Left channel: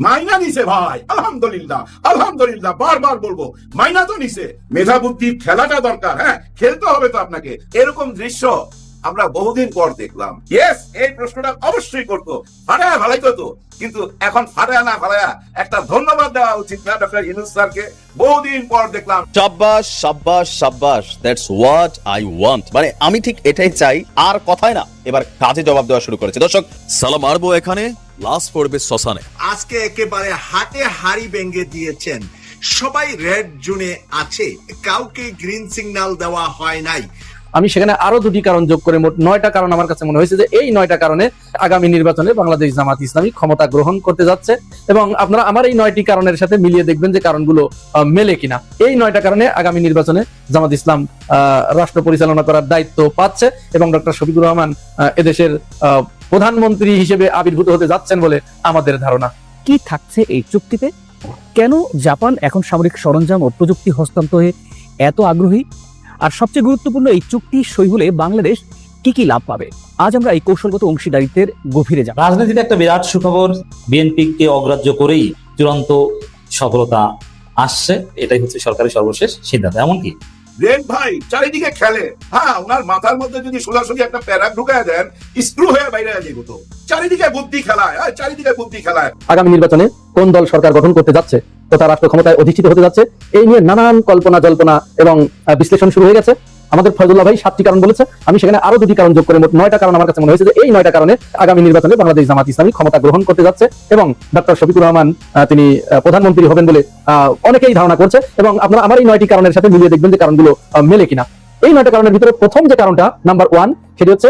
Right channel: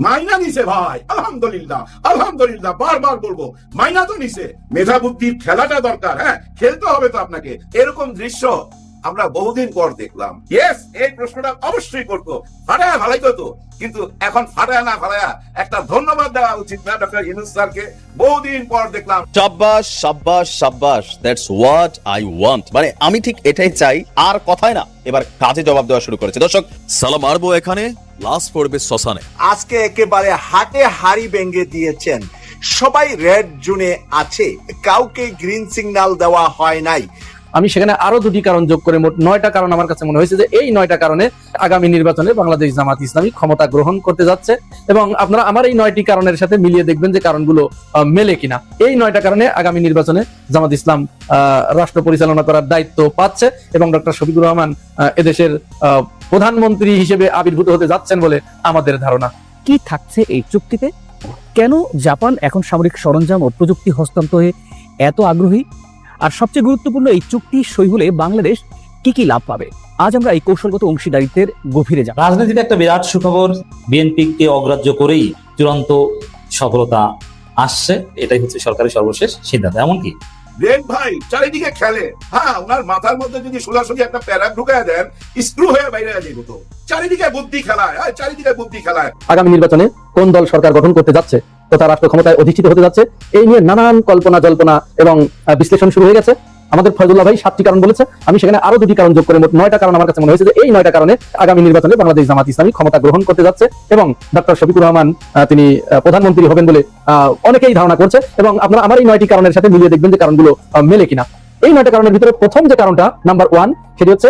মাইনা নিছে ভাই, আলহামদুলিল্লাহ আলহামদুলিল্লাহ, বারবার বলব, মাইনা তো নিছে। মেধা বুদ্ধির খেলাটা দরকার হ্যাঁ? খেলতে হবে তো আপনাকে। এরকম দৃশ্য আমরা বহুদিন পর দেখলাম। ইয়েস এই প্রশ্নটা অবশ্যই করতো ফাটায় ভালাই তো। কিন্তু এখন ফাটায় না ফাটায়া একটা ধন্যবাদ দেওয়া উচিত না ডক্টর ইনুস স্যারকে। বহুদিন পর দেখলাম। সাব্বাস সাব্বাস সাব্বাস দ্যাটস হোয়াট আই ওয়ান্ট মানে আমি ঠিক এটাই চাই আর কথায় না এবার কাজে জবাব দেওয়া শুরু করেছে। দর্শক সালাম মারবো এখানে লাশ পড়বে শ্মশানে। আজকে একেবারে হাতে হাড়ি ভেঙে দিয়েছেন। সবাই রেড জোনে আছে কাউকে গ্রিন সিগন্যাল দেওয়া হয় নাই। আমি সেখানে আরও দুটি কারণ যোগ করে মোট নয়টা কারণ আমার কাছে মনে হয়েছে যে এই নয়টা কারণে আগামী নির্বাচনে বাংলাদেশ জামাত ইসলামী ক্ষমতা গ্রহণ করতে যাচ্ছে। এবং আপনারা আমার এই নয়টি কারণের সাথে মিলিয়ে দেখবেন যে কারণগুলো মেলে কিনা। এই নয়টা কারণে আগামী নির্বাচনে জামাত ইসলাম রাষ্ট্র পরিচালনা করার দায়িত্ব পাচ্ছে এবং ডক্টর শফিকুর রহমান এদেশের প্রধানমন্ত্রী হিসেবে আবির্ভূত হতে যাচ্ছেন বলে আমাদের ধারণা। কি থাকছে এই চুক্তিতে? কেন জাপান এখন সামরিক সরঞ্জাম ও প্রযুক্তি হস্তান্তরে এত আগ্রহী? আর সবচেয়ে গুরুত্বপূর্ণ এই চুক্তি সই হলে বাংলাদেশ কি কি লাভ পাবে? আজ আমরা এই কৌশলগত অংশীদারিত্বের গভীরে যাব। রাজনীতিতে একটা বিরাট সুখবর বিএনপিকে অগ্রাহ্য করেই চূড়ান্ত সফলতা আসছে। এটাই হচ্ছে সরকারের সর্বশেষ সিদ্ধান্ত। এমনকি রেড ভাই চারিদিকে খেলে। হ্যাঁ ওনার মাথার মধ্যে যদি সোজাসুজি একটা প্যারা ঢুকায় দেন স্ক্রু হয়ে বাইরে তো চারিদিকে বুদ্ধি খেলায় হ্যাঁ, চারিদিকে বুদ্ধি খেলায়। আগামী নির্বাচনে কোন দল সরকার গঠন করতে যাচ্ছে? তথা রাষ্ট্র ক্ষমতায় অধিষ্ঠিত হতে যাচ্ছে। এই নিয়ে নানান কল্পনা, জল্পনা এবং বিশ্লেষণ শুরু হয়ে গেছে। আমাদের ফয়জুল্লাহ ভাই সাতটি কারণ বলেছে। আমি সেখানে আরও দুটি কারণ যোগ করে মোট নয়টা কারণ আমার কাছে মনে হয়েছে যে এই নয়টা কারণে আগামী নির্বাচনে বাংলাদেশ জামাত ইসলামী ক্ষমতা গ্রহণ করতে যাচ্ছে এবং ডক্টর শফিকুর রহমান তিনি প্রধানমন্ত্রী হবেন বলে অনেকেই ধারণা করছে এবং আপনারা আমার এই নয়টি কারণের সাথে মিলিয়ে দেখবেন যে কারণগুলো মেলে কিনা। এই নয়টা কারণের ভিতরে প্রথম যে কারণটা, নাম্বার ওয়ান, সেটি হচ্ছে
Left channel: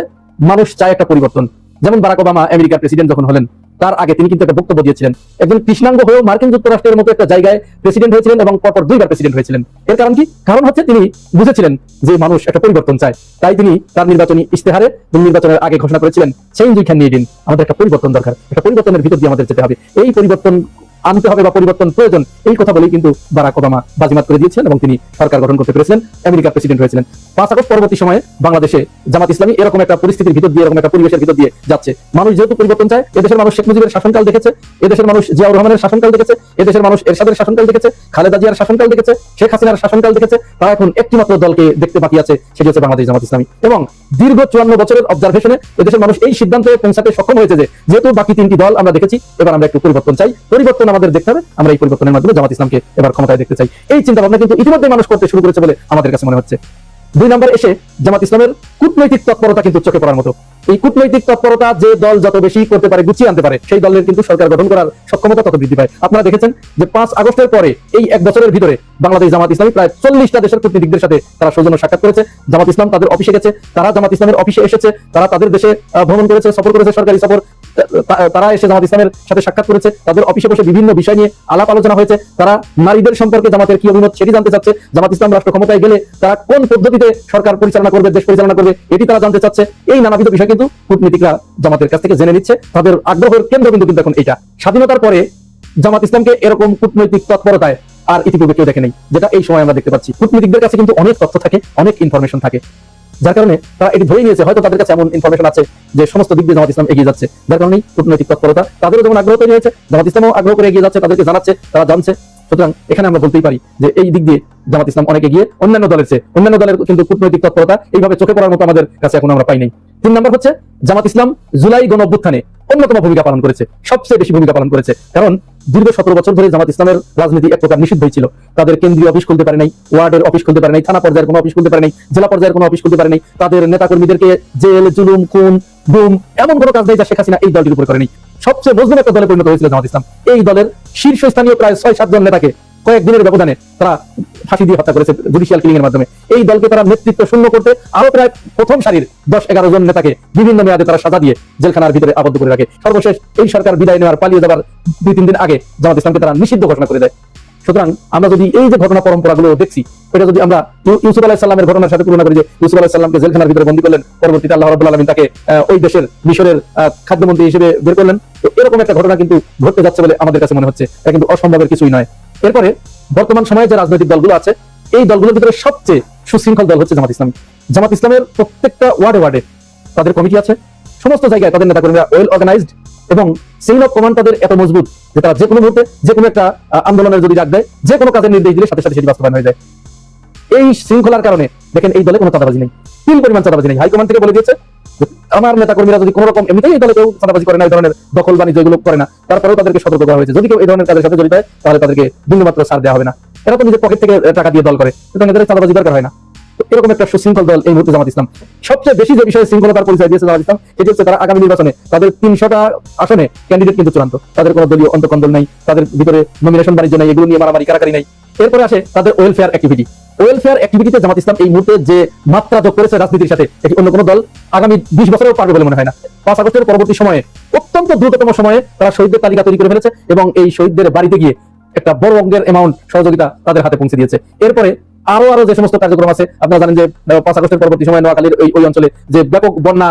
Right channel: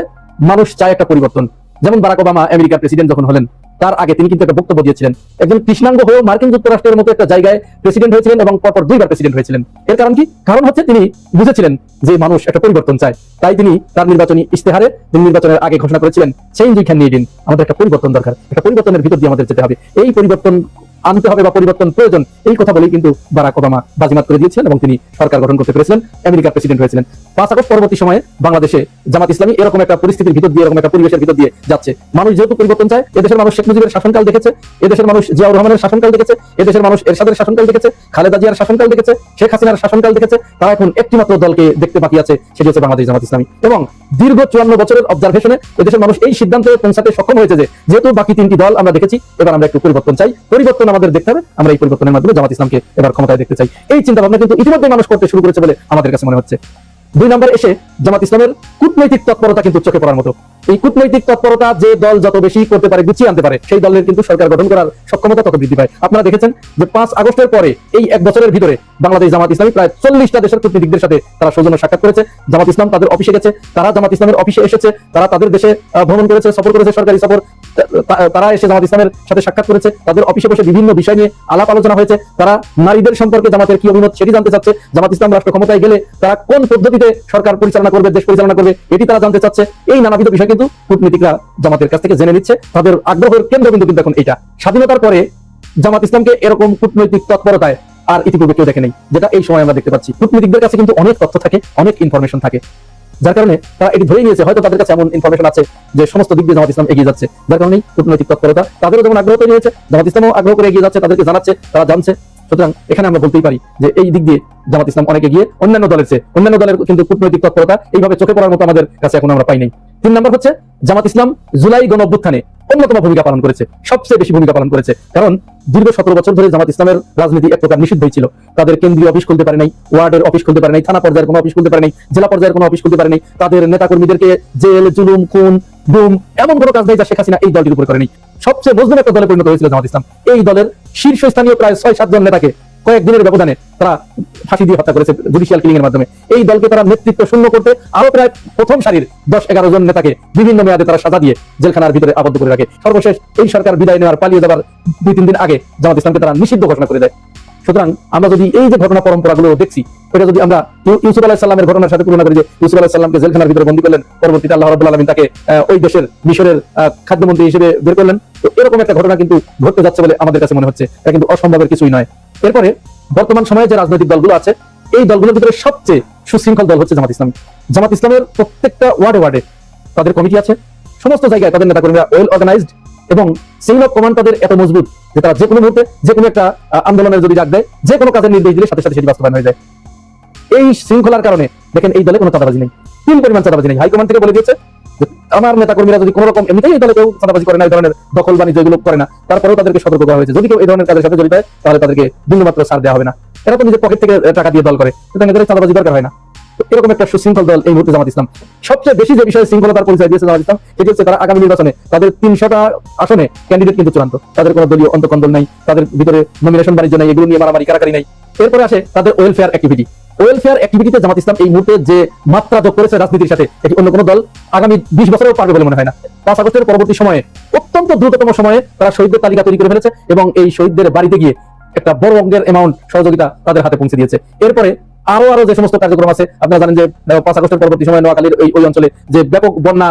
মানুষ চায় একটা পরিবর্তন। যেমন বারাক ওবামা আমেরিকার প্রেসিডেন্ট যখন হলেন, তার আগে তিনি কিন্তু একটা বক্তব্য দিয়েছিলেন। একজন কৃষ্ণাঙ্গ হয়ে মার্কিন যুক্তরাষ্ট্রের মতো একটা জায়গায় প্রেসিডেন্ট হয়েছিলেন এবং পরপর দুইবার প্রেসিডেন্ট হয়েছিলেন। এর কারণ কি? কারণ হচ্ছে তিনি বুঝেছিলেন যে মানুষ একটা পরিবর্তন চায়। তাই তিনি তার নির্বাচনী ইস্তেহারে তিনি নির্বাচনের আগে ঘোষণা করেছিলেন, সেই দুইখান নিয়ে দিন। আমাদের একটা পরিবর্তন দরকার। একটা পরিবর্তনের ভিতর দিয়ে আমাদের যেতে হবে। এই পরিবর্তন আনতে হবে বা পরিবর্তন প্রয়োজন, এই কথা বলেই কিন্তু বারাক ওবামা বাজিমাত করে দিয়েছেন এবং তিনি সরকার গঠন করতে পেরেছিলেন, আমেরিকার প্রেসিডেন্ট হয়েছিলেন। পাঁচ আগস্ট পরবর্তী সময়ে বাংলাদেশে জামাত ইসলামী এরকম একটা পরিস্থিতির ভিতর দিয়ে, এরকম একটা পরিবেশের ভিতর দিয়ে যাচ্ছে। মানুষ যেহেতু পরিবর্তন চায়, এদেশের মানুষ শেখ মুজিবের শাসনকাল দেখেছে, এদেশের মানুষ জিয়াউর রহমানের শাসনকাল দেখেছে, এদেশের মানুষ এরশাদের শাসনকাল দেখেছে, খালেদা জিয়ার শাসনকাল দেখেছে, শেখ হাসিনার শাসনকাল দেখেছে, তারা এখন একটিমাত্র দলকে দেখতে বাকি আছে, সেটি হচ্ছে বাংলাদেশ জামাত ইসলামী। এবং দীর্ঘ চুয়ান্ন বছরের অবজারভেশনে এদেশের মানুষ এই সিদ্ধান্তে পৌঁছাতে সক্ষম হয়েছে যেহেতু বাকি তিনটি দল আমরা দেখেছি, এবার আমরা একটু পরিবর্তন চাই। পরিবর্তন আমাদের দেখতে হবে। আমরা এই পরিবর্তনের মাধ্যমে জামাত ইসলামকে এবার ক্ষমতায় দেখতে চাই। এই চিন্তা ভাবনা কিন্তু ইতিমধ্যে মানুষ করতে শুরু করেছে বলে আমাদের কাছে মনে হচ্ছে। দুই নম্বর এসে জামাত ইসলামের কূটনৈতিক তৎপরতা কিন্তু চোখে পড়ার মতো। এই কূটনৈতিক তৎপরতা যে দল যত বেশি করতে পারে, গুছিয়ে আনতে পারে, সেই দলের কিন্তু সরকার গঠন করার সক্ষমতা তত বৃদ্ধি পায়। আপনারা দেখেছেন যে পাঁচ আগস্টের পরে এই এক বছরের ভিতরে বাংলাদেশ জামাত ইসলামী প্রায় চল্লিশটা দেশের কূটনীতিকদের সাথে তারা সৌজন্য সাক্ষাৎ করেছে। জামাত ইসলাম তাদের অফিসে গেছে, তারা জামাত ইসলামের অফিসে এসেছে, তারা তাদের দেশে তারা এসে জামাত ইসলামের সাথে সাক্ষাৎ করেছে, তাদের অফিসে বসে বিভিন্ন বিষয় নিয়ে আলাপ আলোচনা হয়েছে। তারা নারীদের সম্পর্কে জামাতের কি অভিমত সেটি জানতে চাচ্ছে। জামাত ইসলাম রাষ্ট্র ক্ষমতায় গেলে তারা কোন পদ্ধতিতে সরকার পরিচালনা করবে, দেশ পরিচালনা করবে, এটি তারা জানতে চাচ্ছে। এই নানাবিধ বিষয় কিন্তু কূটনীতিকরা জামাতের কাছ থেকে জেনে নিচ্ছে। তাদের আগ্রহের কেন্দ্রবিন্দু কিন্তু এখন এইটা। স্বাধীনতার পরে জামাত ইসলামকে এরকম কূটনৈতিক তৎপরতায় আর ইতিপূর্বে কেউ দেখেনি, যেটা এই সময় আমরা দেখতে পাচ্ছি। কূটনীতিকদের কাছে কিন্তু অনেক তথ্য থাকে, অনেক ইনফরমেশন থাকে। যার কারণে তারা এটি ধরে নিয়েছে, হয়তো তাদের কাছে এমন ইনফরমেশন আছে যে সমস্ত দিক দিয়ে জামাত ইসলাম এগিয়ে যাচ্ছে। যার কারণে কূটনৈতিক তৎপরতা তাদেরও যেমন আগ্রহ তৈরি হয়েছে, জামাত ইসলামও আগ্রহ করে এগিয়ে যাচ্ছে, তাদেরকে জানাচ্ছে, তারা জানছে। সুতরাং এখানে আমরা বলতেই পারি যে এই দিক দিয়ে জামাত ইসলাম অনেক এগিয়ে, অন্যান্য দলের চেয়ে, অন্যান্য দলের কিন্তু কূটনৈতিক তৎপরতা এইভাবে চোখে পড়ার মতো আমাদের কাছে এখন আমরা পাই নাই। তিন নম্বর হচ্ছে, জামাত ইসলাম জুলাই গণ অভ্যুত্থানে অন্যতম ভূমিকা পালন করেছে, সবচেয়ে বেশি ভূমিকা পালন করেছে। কারণ দীর্ঘ সতেরো বছর ধরে জামাত ইসলামের রাজনীতি এক প্রকার নিষিদ্ধ হয়েছিল তাদের কেন্দ্রীয় অফিস খুলতে পারে নাই, ওয়ার্ডের অফিস খুলতে পারে নাই, থানা পর্যায়ের কোনো অফিস খুলতে পারে নাই, জেলা পর্যায়ের কোনো অফিস খুলতে পারে নাই। তাদের নেতা কর্মীদেরকে এমন কোনো কাজ নেই যা শেখ হাসিনা এই দলটির উপর করেনি। সবচেয়ে মজবুত একটা দলে পরিণত হয়েছিল জামাত ইসলাম। এই দলের শীর্ষস্থানীয় প্রায় ছয় সাতজন নেতাকে কয়েকদিনের ব্যবধানে তারা ফাঁসি দিয়ে হত্যা করেছে জুডিশিয়াল কিলিং এর মাধ্যমে। এই দলকে তারা নেতৃত্ব শূন্য করতে আরও প্রায় প্রথম সারির দশ, এগারো জন নেতাকে বিভিন্ন মেয়াদে তারা সাজা দিয়ে জেলখানার ভিতরে আবদ্ধ করে রাখে। সর্বশেষ এই সরকার বিদায় নেওয়ার পালিয়ে যাবার দুই, তিন দিন আগে জামাত ইসলামকে তারা নিষিদ্ধ ঘোষণা করে দেয়। সুতরাং আমরা যদি এই যে ঘটনা পরম্পরা গুলো দেখছি, এটা যদি আমরা ইউসুফ আলাহ সাল্লামের ঘটনার সাথে তুলনা করি যে ইউসুফ আলাহ সাল্লামকে জেলখানার ভিতরে বন্দী করলেন, পরবর্তীতে আল্লাহ রাবুল আলমিন তাকে ওই দেশের মিশরের খাদ্যমন্ত্রী হিসেবে বের করলেন। তো এরকম একটা ঘটনা কিন্তু ঘটতে যাচ্ছে বলে আমাদের কাছে মনে হচ্ছে। এটা কিন্তু অসম্ভবের কিছুই নয়। এরপরে বর্তমান সময়ে যে রাজনৈতিক দলগুলো আছে, এই দলগুলোর ভিতরে সবচেয়ে সুশৃঙ্খল দল হচ্ছে জামাত ইসলাম। জামাত ইসলামের প্রত্যেকটা ওয়ার্ডে ওয়ার্ডে তাদের কমিটি আছে। সমস্ত জায়গায় তাদের নেতাকর্মীরা ওয়েল অর্গানাইজড এবং সিংহ প্রমাণ তাদের এত মজবুত যে তারা যে কোনো মুহূর্তে যে কোনো একটা আন্দোলনের যদি ডাক দেয়, যে কোনো কাজের নির্দেশ দিলে সাথে সাথে সেটি বাস্তবায়ন হয়ে যায়। এই শৃঙ্খলার কারণে দেখেন এই দলে কোনো চাঁদাবাজি নেই। তিন পরিমাণ চাঁদাবাজি নেই। হাইকমান্ড থেকে বলে দিয়েছে আমার নেতা কর্মীরা যদি কোনো রকম এমনিতেই এই দলে কেউ চাঁদাবাজি করে না, এই ধরনের দখল বাণিজ্য এগুলো করে না, তারপরেও তাদেরকে সতর্ক করা হয়েছে। যদি কেউ এই ধরনের কাজের সাথে জড়িত হয়, তাহলে তাদেরকে বিন্দুমাত্র ছাড় দেওয়া হবে না। এরা তো নিজের পকেট থেকে টাকা দিয়ে দল করে, সুতরাং এদের চাঁদাবাজি দরকার হয় না। এরকম একটা সুশৃঙ্খল দল এই মুহূর্তে জামাত ইসলাম। সবচেয়ে বেশি যে বিষয়ে শৃঙ্খলতার পরিচয় দিয়েছে জামাত ইসলাম, সেটি হচ্ছে তারা আগামী নির্বাচনে তাদের তিনশোটা আসনে ক্যান্ডিডেট কিন্তু চূড়ান্ত। তাদের কোনো দলীয় অন্তকন্দল নাই, তাদের ভিতরে নমিনেশন বাণিজ্য নাই, এগুলো নিয়ে মারামারি, কারাকারি নাই। এরপরে আসে তাদের ওয়েলফেয়ার অ্যাক্টিভিটি ওয়েলফেয়ার অ্যাক্টিভিটিতে জামাত ইসলাম এই মুহূর্তে যে মাত্রা যোগ করেছে রাজনীতির সাথে, এটি অন্য কোনো দল আগামী বিশ বছরেও পারবে বলে মনে হয় না। পাঁচ আগস্টের পরবর্তী সময়ে, অত্যন্ত দ্রুততম সময়ে তারা শহীদদের তালিকা তৈরি করে ফেলেছে এবং এই শহীদদের বাড়িতে গিয়ে একটা বড় অঙ্গের অ্যামাউন্ট সহযোগিতা তাদের হাতে পৌঁছে দিয়েছে। এরপরে আরও আরও যে সমস্ত কার্যক্রম আছে, আপনারা জানেন যে পাঁচ আগস্টের পরবর্তী সময় নোয়াখালীর ওই ওই অঞ্চলে যে ব্যাপক বন্যা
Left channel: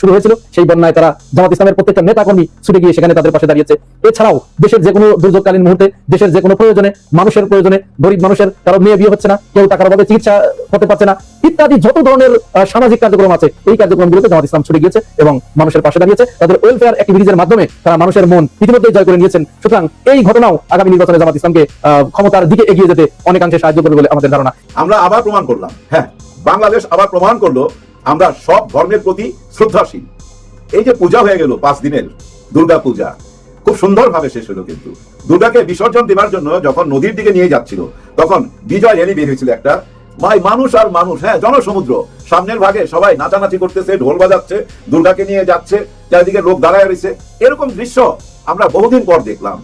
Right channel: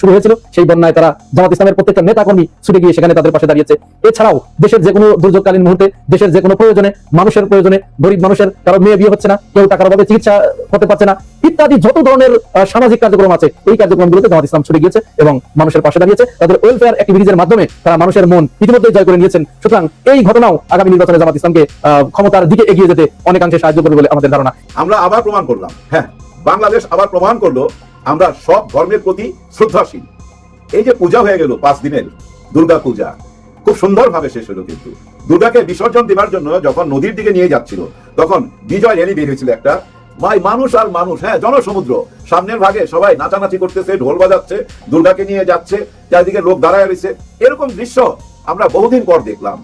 শুরু হয়েছিল, সেই বন্যায় তারা জামাত ইসলামের প্রত্যেকটা নেতা কর্মী ছুটে গিয়ে সেখানে তাদের পাশে দাঁড়িয়েছে। এছাড়াও দেশের যে কোনো দুর্যোগকালীন মুহূর্তে, দেশের যে কোনো প্রয়োজনে, মানুষের প্রয়োজনে, গরিব মানুষের, কারও মেয়ে বিয়ে হচ্ছে না, কেউ টাকার অভাবে চিকিৎসা হতে পারছে না, ইত্যাদি যত ধরনের সামাজিক কার্যক্রম আছে, এই কার্যক্রমগুলোতে জামাত ইসলাম ছুটে গিয়েছে এবং মানুষের পাশে দাঁড়িয়েছে। তাদের ওয়েলফেয়ার অ্যাক্টিভিটিজের মাধ্যমে তারা মানুষের মন ইতিমধ্যে জয় করে নিয়েছেন। সুতরাং এই ঘটনাও আগামী নির্বাচনে জামাত ইসলামকে ক্ষমতার দিকে এগিয়ে যেতে অনেকাংশে সাহায্য করবে বলে আমাদের ধারণা। আমরা আবার প্রমাণ করলাম। হ্যাঁ বাংলাদেশ আবার প্রমাণ করল, আমরা সব ধর্মের প্রতি শ্রদ্ধাশীল। এই যে পূজা হয়ে গেল পাঁচ দিনের দুর্গা পূজা, খুব সুন্দর ভাবে শেষ হলো কিন্তু। দুর্গাকে বিসর্জন দেবার জন্য যখন নদীর দিকে নিয়ে যাচ্ছিল, তখন বিজয় এনে বেরিয়েছিল একটা, ভাই, মানুষ আর মানুষ হ্যাঁ জনসমুদ্র। সামনের ভাগে সবাই নাচানাচি করতেছে, ঢোল বাজাচ্ছে, দুর্গাকে নিয়ে যাচ্ছে, চারিদিকে লোক দাঁড়ায় রয়েছে। এরকম দৃশ্য আমরা বহুদিন পর দেখলাম।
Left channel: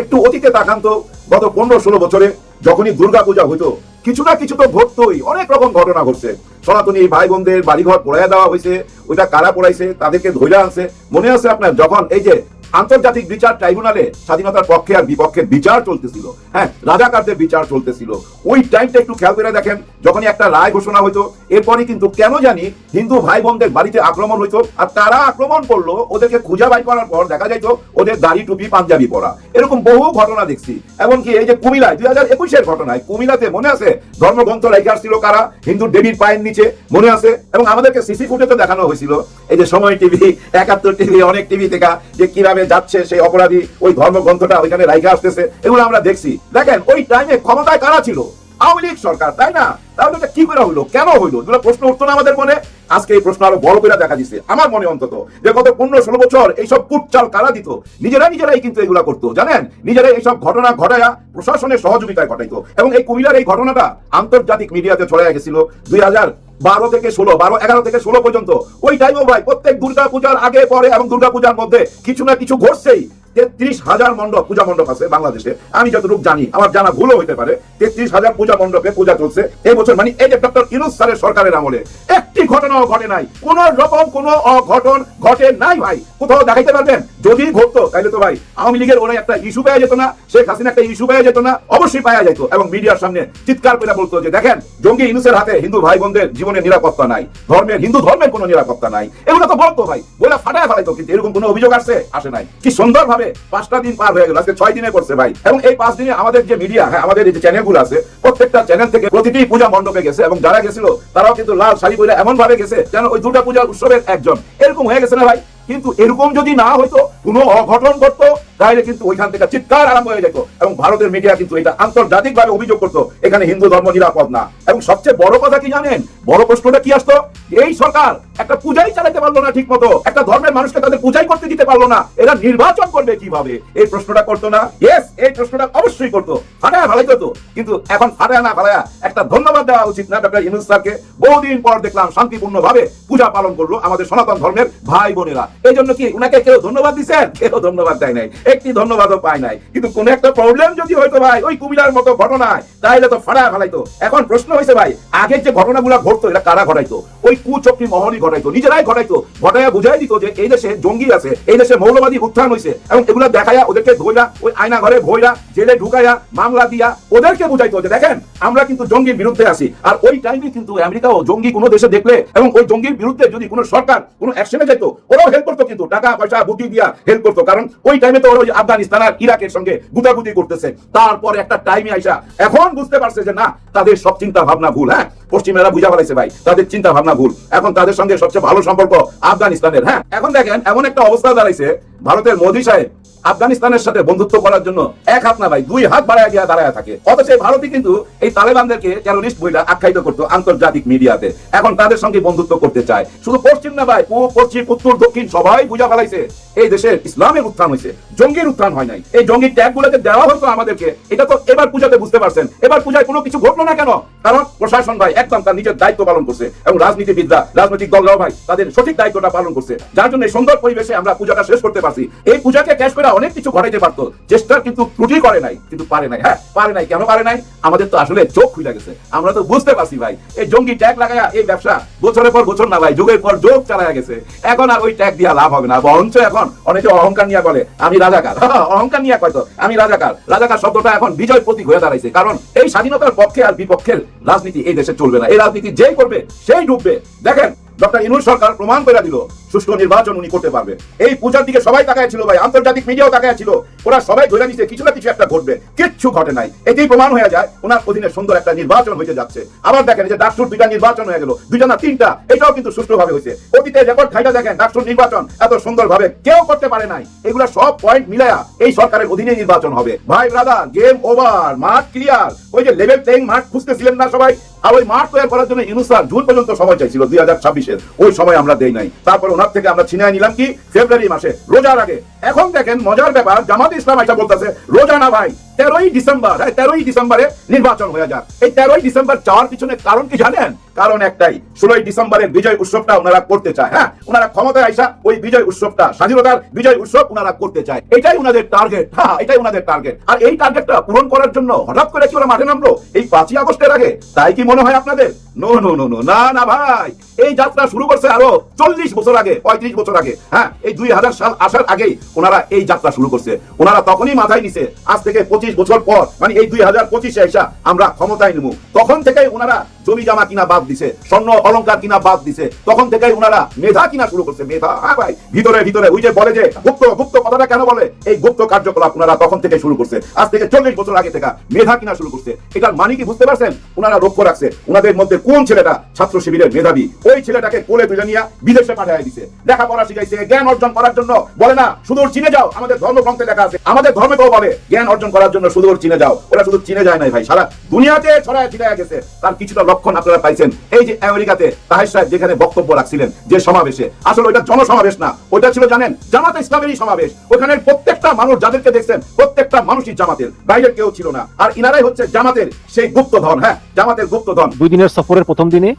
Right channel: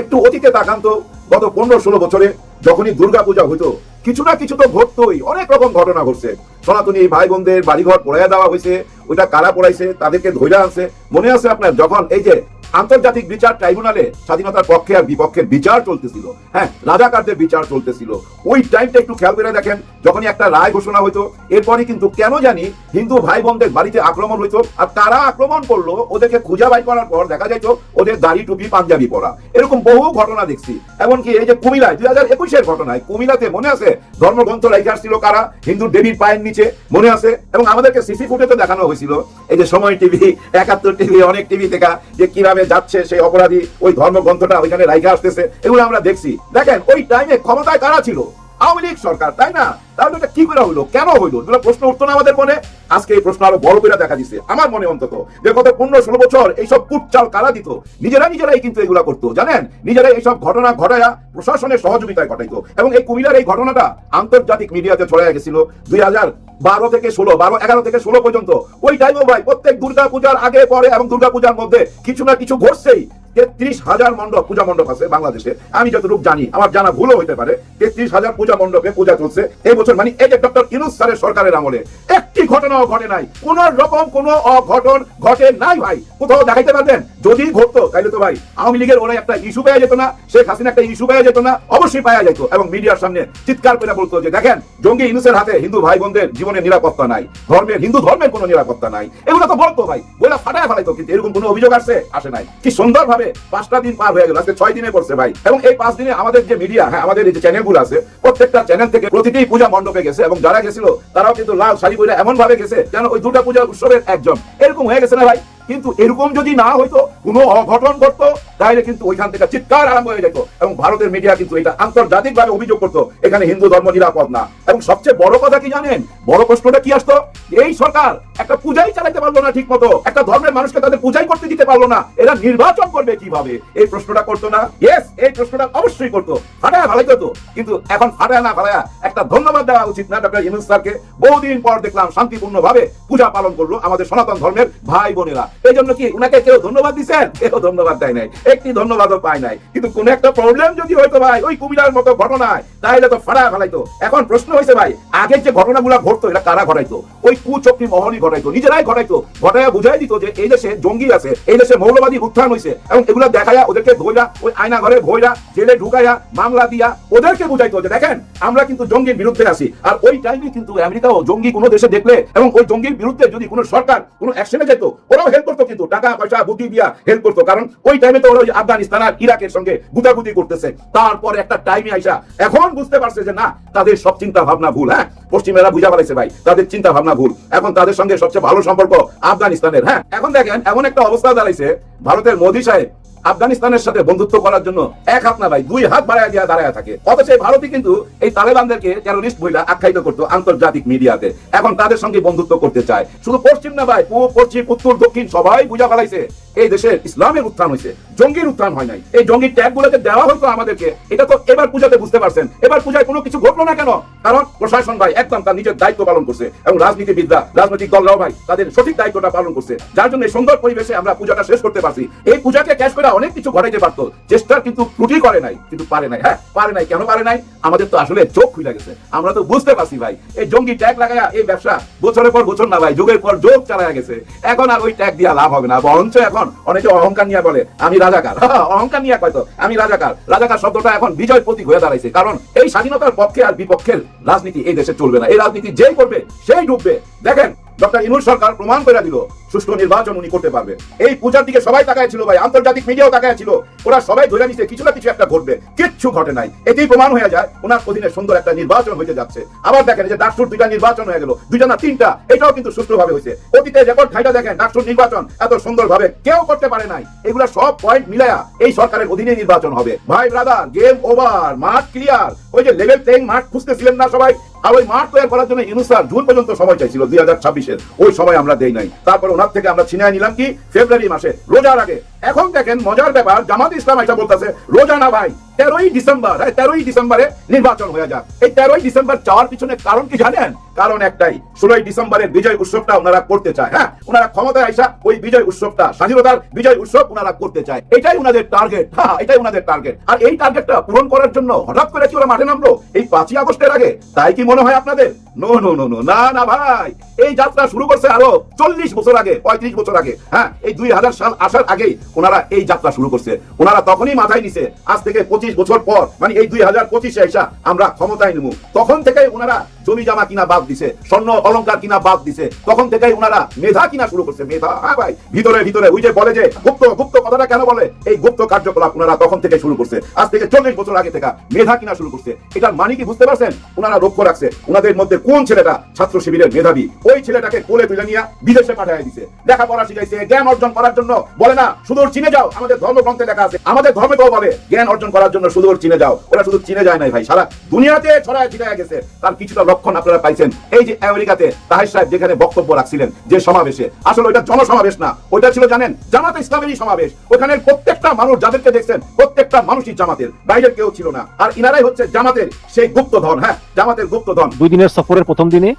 একটু অতীতে তাকান তো, গত পনেরো ষোলো বছরে যখনই দুর্গা পূজা হতো কিছু না কিছু তো ঘটতোই, অনেক রকম ঘটনা ঘটছে। সনাতনী ভাই বোনদের বাড়িঘর পড়াইয়া দেওয়া হয়েছে, ওইটা কারা পড়াইছে, তাদেরকে ধরে আছে মনে আছে আপনার? যখন এই যে আন্তর্জাতিক বিচার ট্রাইব্যুনালে স্বাধীনতার পক্ষে আর বিপক্ষে বিচার চলতেছিল। হ্যাঁ রাজাকারদের বিচার চলতেছিল। ওই টাইমটা একটু খেয়াল করে দেখেন, যখনই একটা রায় ঘোষণা হইতো এরপরে কিন্তু কেন জানি হিন্দু ভাই বোনদের বাড়িতে আক্রমণ হইতো আর তারা আক্রমণ করল ওদেরকে খুঁজা বাই করার পর দেখা যাইতো ওদের দাড়ি, টুপি, পাঞ্জাবি পরা। এরকম বহু ঘটনা দেখছি। এমনকি এই যে কুমিল্লায় দুই হাজার একুশের ঘটনায় কুমিল্লাতে মনে আছে ধর্মগ্রন্থ রেখে আসছিল কারা? হিন্দু দেবীর পায়ের নিচে, মনে আছে? এবং আমাদেরকে সিসি ফুটেতে দেখানো হয়েছিল। এই যে সময় টিভি, একাত্তর টিভি, অনেক টিভি থেকে যে কীভাবে যাচ্ছে সেই অপরাধী, ওই ধর্মগ্রন্থটা ওইখানে রাইখে আসতেছে, এগুলো আমরা দেখছি। দেখেন, ওই টাইমে ক্ষমতায় কারা ছিল? আওয়ামী লীগ সরকার, তাই না? তাহলে কি করে হলো? কেন হলো? প্রশ্ন উত্তর না আমাদের মনে? আজকে এই প্রশ্ন আরও বড় করে দেখা দিচ্ছে আমার মনে অন্তত যে গত পনেরো ষোলো বছর এইসব কুটচাল কারা দিত? নিজেরা নিজেরাই কিন্তু এগুলা করতো, জানেন? নিজেরাই এইসব ঘটনা ঘটায়া প্রশাসনের সহযোগিতায় ঘটাইতো। এবং এই কুমিল্লার এই ঘটনাটা আন্তর্জাতিক মিডিয়াতে ছড়াইয়া গেছিল দুই হাজার বারো থেকে ষোলো, বারো, এগারো থেকে ষোলো পর্যন্ত। ওই টাইমও ভাই, প্রত্যেক দুর্গা পূজার আগে, পরে এবং দুর্গা পূজার মধ্যে কিছু না কিছু ঘটছেই। তেত্রিশ হাজার মণ্ডপ, পূজা মণ্ডপ আছে বাংলাদেশে। আমি যতটুকু জানি, আমার জানা ভুলও হইতে পারে, তেত্রিশ হাজার পূজা মণ্ডপে পূজা চলছে। এই বছর মানে যে ডক্টর ইনোজ স্যারের সরকারের আমলে। একটি ঘটনাও ঘটে নাই। কোন রকম কোন অঘটন ঘটে নাই ভাই। কোথাও দেখাইতে পারবেন। যদি ঘটতো, তাইলে তো ভাই, আওয়ামী লীগের মনে একটা ইস্যু পাওয়া যেত না, শেখ হাসিনা একটা ইস্যু পাওয়া যেত না, অবশ্যই পাওয়া যেত এবং মিডিয়ার সামনে চিৎকার করে বলতো যে, দেখেন, জঙ্গি ইনুসের হাতে হিন্দু ভাই বোনদের জীবনের নিরাপত্তা নাই, ধর্মের, হিন্দু ধর্মের কোনো নিরাপত্তা নাই। এগুলো তো বলতো ভাই বলে ফাটায় ফেলাইতো, কিন্তু এরকম কোনো অভিযোগ আসছে আসে নাই। কি সুন্দর ভাবে পাঁচটা দিন পার হয়ে গেল, আজকে ছয় দিনে করছে ভাই। এবং এই পাঁচ দিনে আমাদের যে মিডিয়া হ্যাঁ আমাদের এই যে চ্যানেলগুলো আছে, প্রত্যেকটা চ্যানেল থেকে প্রতিটি পূজা মণ্ডপে গেছে, এবং যারা গেছিল, তারাও কিন্তু লাল শাড়ি পরে এমন ভাবে গেছে, যেন ওই দুর্গা পূজার উৎসবের একজন। এরকম হয়ে গেছে না ভাই? কিন্তু এরকম যদি না হইতো, কোনো অঘটন করতো, তাহলে কিন্তু ওইখান থেকে চিৎকার আরম্ভ হয়ে যেত। এবং ভারতের মিডিয়া কিন্তু এটা আন্তর্জাতিক ভাবে অভিযোগ করতো, এখানে হিন্দু ধর্ম নিরাপদ না। এবং সবচেয়ে বড় কথা কি জানেন? বড় প্রশ্নটা কি আসতো? এই সরকার একটা পূজাই চালাতে পারল না ঠিক মতো একটা ধর্মের মানুষকে তাদের পূজাই করতে দিতে পারল না। এরা নির্বাচন করবে কীভাবে? এই প্রশ্নটা করতো না? ইয়েস এই প্রশ্নটা অবশ্যই করতো। ফাটায় ভালো করতো কিন্তু এখন ফাটায় না ফাটায় একটা ধন্যবাদ দেওয়া উচিত না ডক্টর ইউনুস স্যারকে। বহুদিন পর দেখলাম শান্তিপূর্ণ ভাবে পূজা পালন করল আমাদের সনাতন ধর্মের ভাই বোনেরা। এই জন্য কি ওনাকে কেউ ধন্যবাদ দিচ্ছেন কেউ ধন্যবাদ দেয় নাই। একটি ধন্যবাদও পায় নাই। কিন্তু কোন একটা প্রবলেম যদি হয়তো ভাই, ওই কুমিলার মতো ঘটনায়, তাইলে তো ফাড়া ফেলাইতো। এখন প্রশ্ন হয়েছে ভাই, আগের যে ঘটনাগুলো ঘটতো, এটা কারা ঘটাইতো? ওই কুচক্রি মহলই ঘটাইতো নিজেরাই ঘটাইতো ঘটায়া বুঝাই দিত যে এই দেশে জঙ্গি আছে, এই দেশে মৌলবাদী উত্থান হয়েছে এবং এগুলো দেখায়া ওদেরকে ধইরা, ওই আয়না ঘরে ভইরা, জেলে ঢুকাইয়া, মামলা দিয়া, ওদেরকে বুঝাইতো যে দেখেন, আমরা কিন্তু জঙ্গির বিরুদ্ধে আছি। আর ওই টাইমে কিন্তু আমেরিকাও জঙ্গি কোনো দেশে দেখলে, এবং ওই জঙ্গির বিরুদ্ধে যদি কোনো সরকার কোনো অ্যাকশনে যেত, ওরাও হেল্প করতো কিন্তু, টাকা, পয়সা, বুদ্ধি দিয়া হেল্প করতো। কারণ ওই টাইমে তো ওরা আফগানিস্তান আর ইরাকের সঙ্গে গুটাগুটি করতেছে। তারপর একটা টাইমে আইসা, এখন বুঝতে পারছে যে না, তাদের সব চিন্তা ভাবনা ভুল হ্যাঁ? পশ্চিমেরা বুঝা ফেলাইছে ভাই তাদের চিন্তা ভাবনা ভুল। এখন তাদের সঙ্গে সবচেয়ে ভালো সম্পর্ক আফগানিস্তানের। হ্যাঁ এখন দেখেন এমন একটা অবস্থা দাঁড়াইছে ভারতের মোদী সাহেব আফগানিস্তানের সাথে বন্ধুত্ব করার জন্য এক হাত না ভাই দুই হাত বাড়ায় গিয়া দাঁড়ায় থাকে। অথচ ভারতই কিন্তু এই তালেবানদেরকে টেরোরিস্ট বইটা আখ্যায়িত করতো আন্তর্জাতিক মিডিয়াতে। এখন তাদের সঙ্গে বন্ধুত্ব করতে চায়। শুধু পশ্চিম না ভাই পূর্ব, পশ্চিম উত্তর দক্ষিণ সবাই বুঝা ফেলাইছে এই দেশে ইসলামের উত্থান হয়েছে জঙ্গির উত্থান হয় নাই। এই জঙ্গির ট্যাগগুলো যে দেওয়া হতো আমাদেরকে এটা তো এবার পূজাতে বুঝতে পারছেন। এবার পূজায় কোনো কিছু ঘটলো না কেন? কারণ প্রশাসন ভাই একদম তার নিজের দায়িত্ব পালন করছে এবং রাজনীতিবিদরা রাজনৈতিক দলরাও ভাই তাদের সঠিক দায়িত্বটা পালন করছে। যার জন্য সুন্দর পরিবেশে আমরা পূজাটা শেষ করতে পারছি। এই পূজাকে ক্যাশ করে অনেক কিছু ঘটাইতে পারতো। চেষ্টা কিন্তু ত্রুটি করে নাই কিন্তু পারে নাই। হ্যাঁ পারে নাই। কেন পারে নাই? আমাদের তো আসলে চোখ খুলে গেছে। আমরা তো বুঝতে পারছি ভাই এই জঙ্গি ট্যাগ লাগায়া এই ব্যবসা বছরের পর বছর না ভাই যুগের পর যুগ চালা গেছে। এখন আর ওই ট্যাগ দিয়া লাভ হবে না। বরঞ্চ এখন অনেকে অহংকার নিয়ে বলে আমি রাজাকার। হ্যাঁ, অহংকার নিয়ে কয়তো আমি রাজাকার। রাজাকার শব্দটা এখন বিজয় প্রতীক হয়ে দাঁড়াইছে। কারণ এই স্বাধীনতার পক্ষে আর বিপক্ষের রাজনীতি এই দেশে চলবে না। এই রাজনীতি যেই করবে, সেই ডুববে। দেখেন, ডক্টর ইনুল সরকার প্রমাণ করে দিল সুষ্ঠু নির্বাচন উনি করতে পারবে। এই পূজার দিকে সবাই তাকায় ছিল ভাই, আন্তর্জাতিক মিডিয়াও তাকায় ছিল। ওরা সবাই ধরে নিচ্ছে, কিছু না কিছু একটা ঘটবে। কিচ্ছু ঘটে নাই। এতেই প্রমাণ হয়ে যায়, ওনার অধীনে সুন্দর একটা নির্বাচন হইতে যাচ্ছে। আবার দেখেন যে ডাকসুর দুইটা নির্বাচন হয়ে গেল, দুইটা না তিনটা, এটাও কিন্তু সুষ্ঠুভাবে হয়েছে। অতীতে রেকর্ড খাইটা দেখেন, ডাকসুর নির্বাচন এত সুন্দর ভাবে কেউ করতে পারে নাই। এগুলো সব পয়েন্ট মিলায়া এই সরকারের অধীনে নির্বাচন হবে। ভাই দাদা গেম ওভার মাঠ ক্লিয়ার ওই যে লেভেল প্লেইং মাঠ খুঁজতেছিলেন না সবাই? আর ওই মাঠ তৈরি করার জন্য ইনুসার জুন পর্যন্ত সময় চাইছিল, দুই হাজার ছাব্বিশের। ওই সময় আমরা দেই নাই। তারপর ওনার থেকে আমরা ছিনিয়ে নিলাম কি? ফেব্রুয়ারি মাসে। রোজা লাগে। এখন দেখেন মজার ব্যাপার, জামাত ইসলাম আসা বলতেছে, রোজা না ভাই তেরোই ডিসেম্বর হ্যাঁ, তেরোই ডিসেম্বরে নির্বাচন হয়ে যাক। এই তেরোই ডিসেম্বর যাওয়ার পিছনে কারণ কি জানেন? কারণ একটাই ষোলোই ডিসেম্বরের বিজয় উৎসবটা ওনারা করতে চায় হ্যাঁ? ওনারা ক্ষমতায় আসা ওই বিজয় উৎসবটা স্বাধীনতার বিজয় উৎসব ওনারা করতে চায়। এটাই ওনাদের টার্গেট হ্যাঁ এটাই ওনাদের টার্গেট আর এই টার্গেটটা পূরণ করার জন্য হঠাৎ করে কি ওরা মাঠে নামলো? এই পাঁচই আগস্টের আগে। তাই কি মনে হয় আপনাদের? নো নো নো নো না না ভাই। এই যাত্রা শুরু করছে আরও চল্লিশ বছর আগে পঁয়ত্রিশ বছর আগে হ্যাঁ? এই দুই হাজার সাল আসার আগেই ওনারা এই যাত্রা শুরু করছে। ওনারা তখনই মাথায় নিছে আজ থেকে পঁচিশ বছর পর মানে এই দুই হাজার পঁচিশে আমরা ক্ষমতায় নেব। তখন থেকেই ওনারা জমি জমা কিনা বাদ দিছে, স্বর্ণ অলংকার কিনা বাদ দিছে, তখন থেকেই ওনারা মেধা কিনা শুরু করছে, মেধা? হ্যাঁ ভাই, ভিতরে ভিতরে, ওই যে বলে যে গুপ্ত গুপ্ত কথাটা কেন বলে? এই গুপ্ত কার্যকলাপ ওনারা তখন থেকে শুরু করছে? আজ থেকে চল্লিশ বছর আগে থেকে মেধা কিনা শুরু করছে। এটার মানে কি বুঝতে পারছেন? ওনারা লক্ষ্য রাখছে ওনাদের মধ্যে কোন ছেলেটা ছাত্র শিবিরের মেধাবী? ওই ছেলেটাকে কোলে তুলে নিয়ে বিদেশে পাঠিয়ে দিছে। লেখাপড়া শিখাইছে, জ্ঞান অর্জন করার জন্য। বলে না, সুদূর চিনে যাও, আমাদের ধর্ম ধর্মগ্রন্থে লেখা আছে। আমাদের ধর্মে কেউ বলে, জ্ঞান অর্জন করার জন্য সুদূর চিনে যাও। ওরা শুধু চিনে যায় নাই ভাই, সারা দুনিয়াতে ছড়ায় ছিড়ে গেছে। তার কিছুটা লক্ষণ আপনারা পাইছেন। এই যে আমেরিকাতে তাহের সাহেব যেখানে বক্তব্য রাখছিলেন যে সমাবেশে আসলে ওইটা জনসমাবেশ না ওইটা ছিল জানেন জামাত ইসলামেরই সমাবেশ। ওখানে প্রত্যেকটা মানুষ যাদেরকে দেখছেন প্রত্যেকটা মানুষই জামাতের বাইরের কেউ ছিল না। আর ইনারাই হচ্ছে জামাতের সেই গুপ্তধন হ্যাঁ জামাতের গুপ্তধন। দুই দিনের সফরের প্রথম দিনে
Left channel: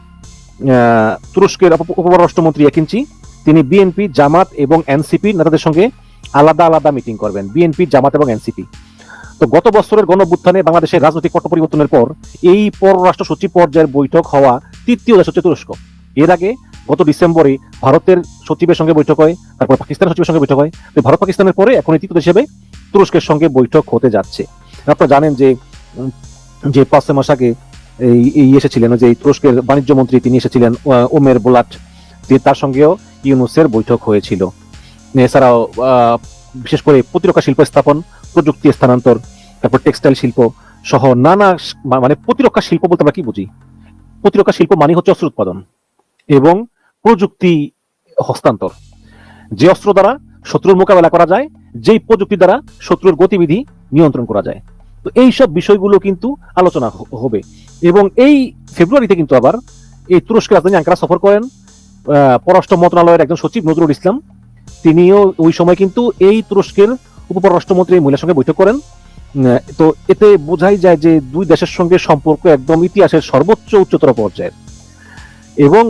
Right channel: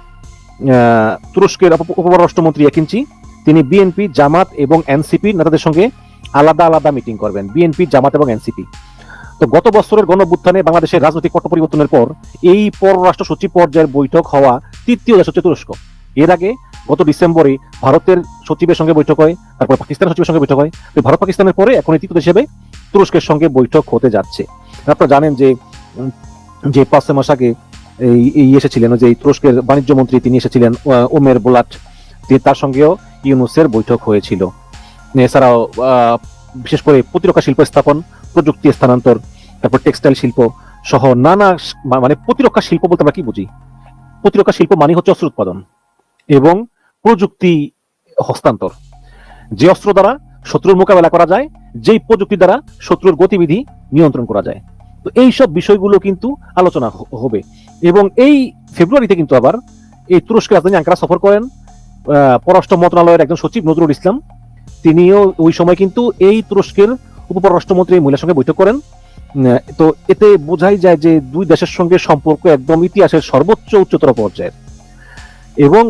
তুরস্কের উপপররাষ্ট্রমন্ত্রী একিনচি। তিনি বিএনপি জামাত এবং এনসিপি নেতাদের সঙ্গে আলাদা আলাদা মিটিং করবেন। বিএনপি জামাত এবং এনসিপি। গত বছরের বাংলাদেশের রাজনৈতিক পট পরিবর্তনের পর এই পররাষ্ট্র সচিব পর্যায়ের বৈঠক হওয়া তৃতীয় এর আগে গত ডিসেম্বরে ভারতের সচিবের সঙ্গে বৈঠক হয়, তারপর পাকিস্তানের সচিবের সঙ্গে বৈঠক হয়। ভারত পাকিস্তানের পরে হিসেবে তুরস্কের সঙ্গে বৈঠক হতে যাচ্ছে। আপনারা জানেন যে যে পাঁচ মাস আগে এই এসেছিলেন যে তুরস্কের বাণিজ্য মন্ত্রী তিনি এসেছিলেন ওমের বোলাট। তার সঙ্গেও ইউনুসের বৈঠক হয়েছিল। এছাড়াও বিশেষ করে প্রতিরক্ষা শিল্প স্থাপন, প্রযুক্তি স্থানান্তর, তারপর টেক্সটাইল শিল্প সহ নানা মানে প্রতিরক্ষা শিল্প বলতে আমরা কি বুঝি? প্রতিরক্ষা শিল্প মানে হচ্ছে অস্ত্র উৎপাদন এবং প্রযুক্তি হস্তান্তর। যে অস্ত্র দ্বারা শত্রুর মোকাবেলা করা যায়, যেই প্রযুক্তি দ্বারা শত্রুর গতিবিধি নিয়ন্ত্রণ করা যায়। তো এইসব বিষয়গুলো কিন্তু আলোচনা হবে এবং এই ফেব্রুয়ারিতে কিন্তু আবার এই তুরস্কের রাজধানী আঙ্কারা সফর করেন পররাষ্ট্র মন্ত্রণালয়ের একজন সচিব নজরুল ইসলাম। তিনিও ওই সময় কিন্তু এই তুরস্কের উপপররাষ্ট্রমন্ত্রী মহিলার সঙ্গে বৈঠক করেন। তো এতে বোঝাই যায় যে দুই দেশের সঙ্গে সম্পর্ক একদম ইতিহাসের সর্বোচ্চ উচ্চতর পর্যায়ে এবং